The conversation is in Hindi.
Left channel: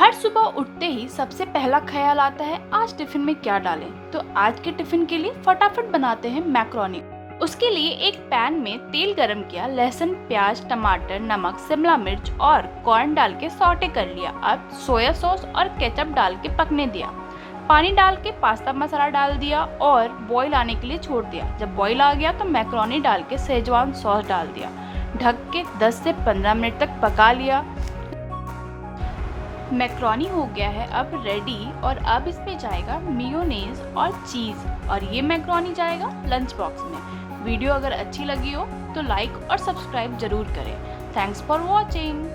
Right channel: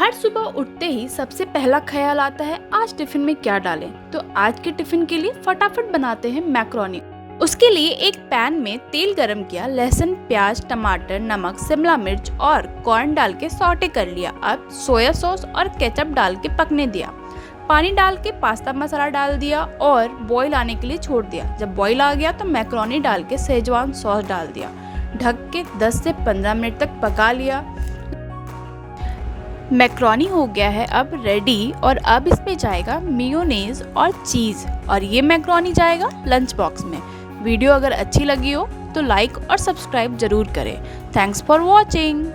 हर सुबह उठते ही सबसे पहला ख्याल आता है आज टिफिन में क्या डालें। तो आज के टिफिन के लिए फटाफट बनाते हैं मैक्रोनी। उसके लिए एक पैन में तेल गरम किया, लहसुन, प्याज, टमाटर, नमक, शिमला मिर्च और कॉर्न डाल के सौटे कर लिया। अब सोया सॉस और केचप डाल के पकने दिया। पानी डाल के पास्ता मसाला डाल दिया और बॉईल आने के लिए छोड़ दिया। जब बॉईल आ गया तो मैक्रोनी डाल के शेजवान सॉस डाल दिया। ढक के 10 से 15 मिनट तक पका लिया। मैक्रोनी हो गया है अब रेडी। और अब इस पे जाएगा मेयोनेज़ और चीज़ और ये मैक्रोनी जाएगा लंच बॉक्स में। वीडियो अगर अच्छी लगी हो तो लाइक और सब्सक्राइब जरूर करें। Thanks for watching.